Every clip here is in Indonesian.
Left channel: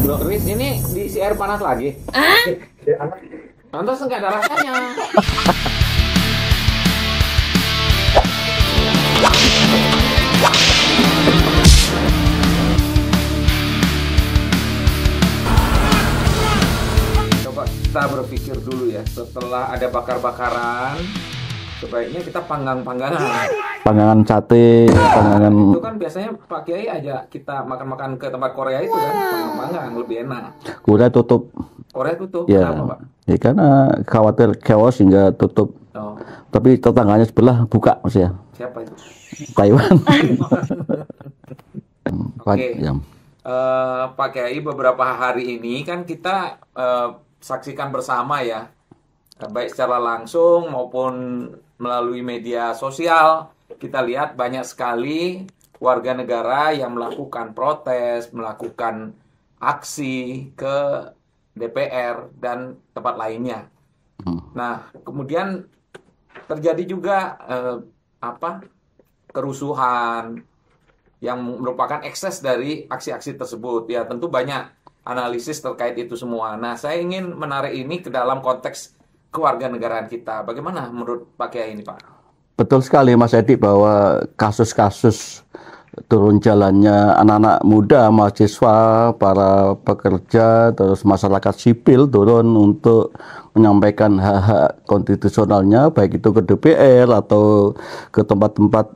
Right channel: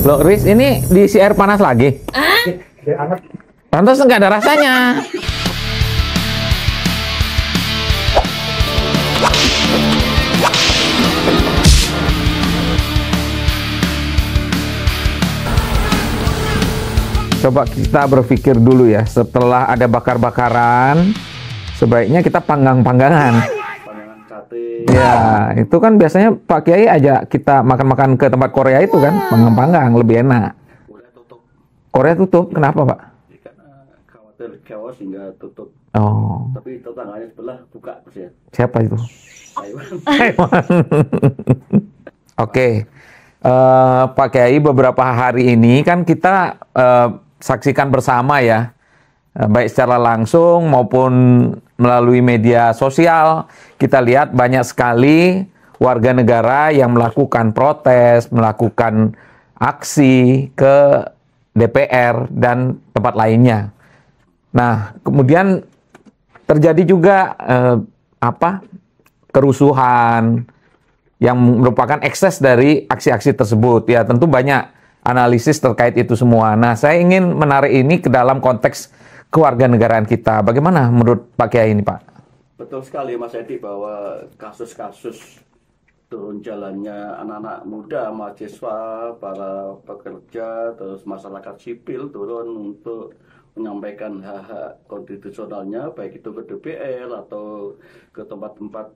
Loh, Riz, ini diisi air panas lagi? Pantas nggak ada rasanya. Coba kita berpikir dulu ya, setelah ada bakar-bakaran, sebaiknya kita panggang-panggangan. Panggangan sate. Ya, itu kan biasanya Pak Kiai ajak kita makan-makan ke tempat Korea itu kan, panggang-panggang, lebih enak. Korea tutup. Korea tutup, Ya. kenapa Pak? Ya karena khawatir chaos hingga tutup. Oh, Tapi tetangganya sebelah buka maksudnya. siapa itu? Taiwan. Oke. Ya. Pak Kiai, beberapa hari ini kan kita saksikan bersama ya, baik secara langsung maupun melalui media sosial, kita lihat banyak sekali warga negara yang melakukan protes, melakukan aksi ke DPR dan tempat lainnya. Nah, kemudian terjadi juga kerusuhan yang merupakan ekses dari aksi-aksi tersebut. Ya, tentu banyak analisis terkait itu semua. Nah, saya ingin menarik ini ke dalam konteks kewarganegaraan kita. Bagaimana menurut Pak Kiai ini, Pak? Betul sekali Mas Edi bahwa kasus-kasus turun jalannya anak-anak muda, mahasiswa, para pekerja, terus masyarakat sipil turun untuk menyampaikan hak-hak konstitusionalnya, baik itu ke DPR atau ke tempat-tempat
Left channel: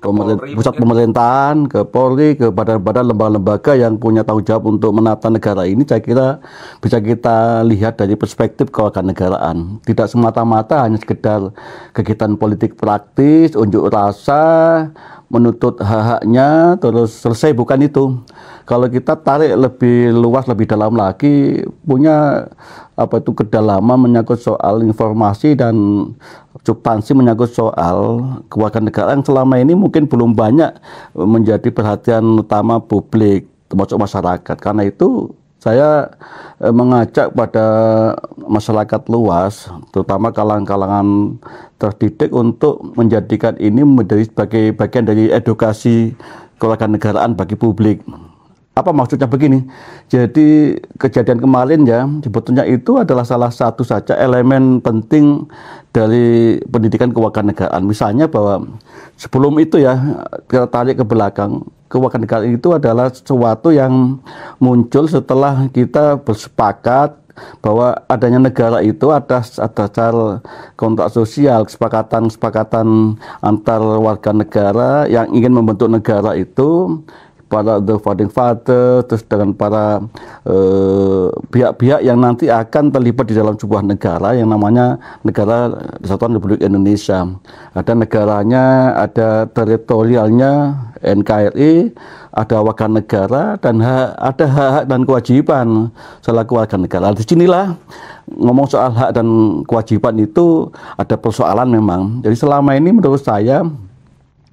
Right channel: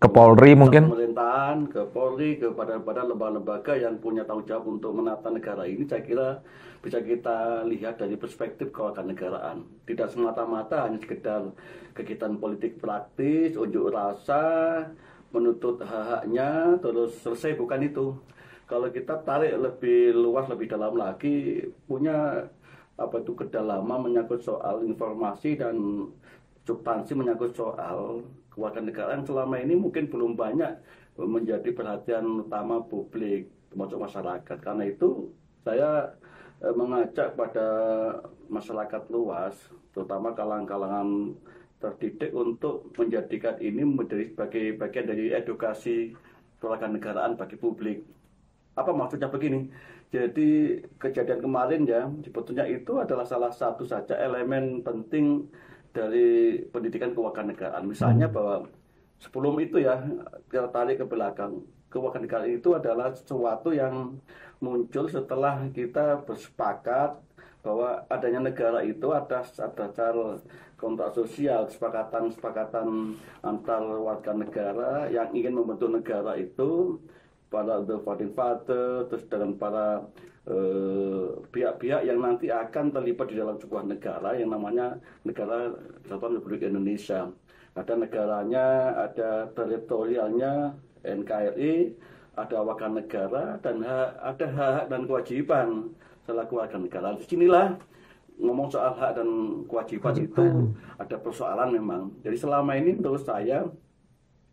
Ke Polri pusat mungkin? pemerintahan, ke Polri, ke badan-badan lembaga-lembaga yang punya tanggung jawab untuk menata negara ini, saya kira bisa kita lihat dari perspektif kewarganegaraan. Tidak semata-mata hanya sekedar kegiatan politik praktis, unjuk rasa, menuntut hak-haknya, terus selesai, bukan itu. Kalau kita tarik lebih luas, lebih dalam lagi, punya kedalaman menyangkut soal informasi dan substansi menyangkut soal kewarganegaraan yang selama ini mungkin belum banyak menjadi perhatian utama publik, termasuk masyarakat. Karena itu saya mengajak pada masyarakat luas, terutama kalangan-kalangan terdidik, untuk menjadikan ini menjadi sebagai bagian dari edukasi kewarganegaraan bagi publik. Apa maksudnya begini? Jadi kejadian kemarin ya, sebetulnya itu adalah salah satu saja elemen penting dari pendidikan kewarganegaraan. Misalnya bahwa sebelum itu ya, kita tarik ke belakang, kewarganegaraan itu adalah sesuatu yang muncul setelah kita bersepakat bahwa adanya negara itu ada dasar kontrak sosial, kesepakatan antar warga negara yang ingin membentuk negara itu, para the founding father, terus dengan para pihak-pihak yang nanti akan terlibat di dalam sebuah negara yang namanya Negara Kesatuan Republik Indonesia. Ada negaranya, ada teritorialnya, NKRI, ada warga negara, dan ada hak dan kewajiban selaku warga negara. Disinilah ngomong soal hak dan kewajiban itu ada persoalan memang. Jadi selama ini menurut saya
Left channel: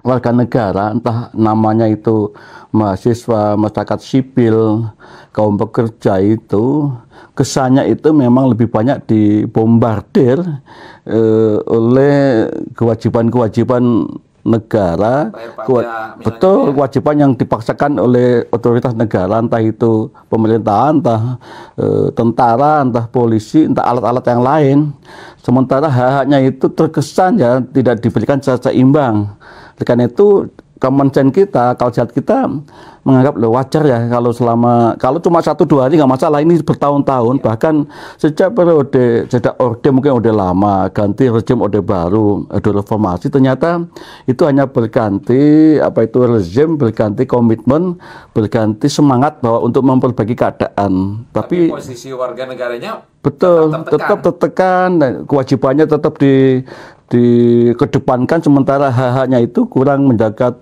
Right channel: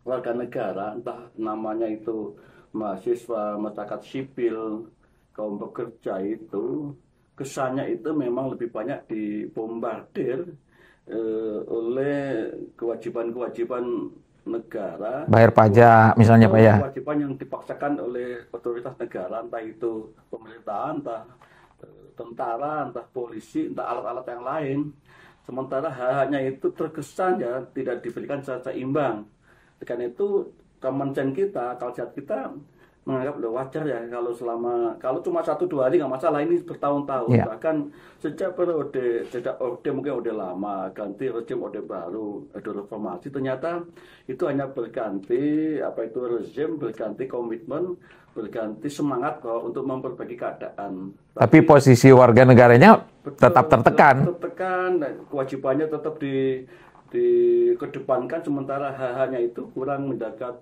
warga negara, entah namanya itu mahasiswa, masyarakat sipil, kaum pekerja, itu kesannya itu memang lebih banyak dibombardir oleh kewajiban-kewajiban negara, Bayar pajak misalnya, betul, Pak, ya? kewajiban yang dipaksakan oleh otoritas negara, entah itu pemerintahan, entah tentara, entah polisi, entah alat-alat yang lain. Sementara hak-haknya itu terkesan ya tidak diberikan secara seimbang. Karena itu common sense kita, akal sehat kita menganggap wajar ya kalau cuma 1-2 hari nggak masalah, ini bertahun-tahun, bahkan sejak orde mungkin orde lama, ganti rezim orde baru, orde reformasi, ternyata itu hanya berganti rezim, berganti komitmen, berganti semangat bahwa untuk memperbaiki keadaan. Tapi posisi warga negaranya tetap tertekan, dan kewajibannya tetap dikedepankan, sementara hak-haknya itu kurang mendapat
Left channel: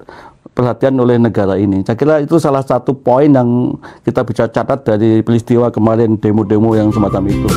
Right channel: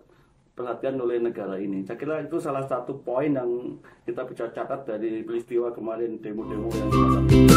perhatian oleh negara ini. Saya kira itu salah satu poin yang kita bisa catat dari peristiwa kemarin, demo-demo yang semacam itu.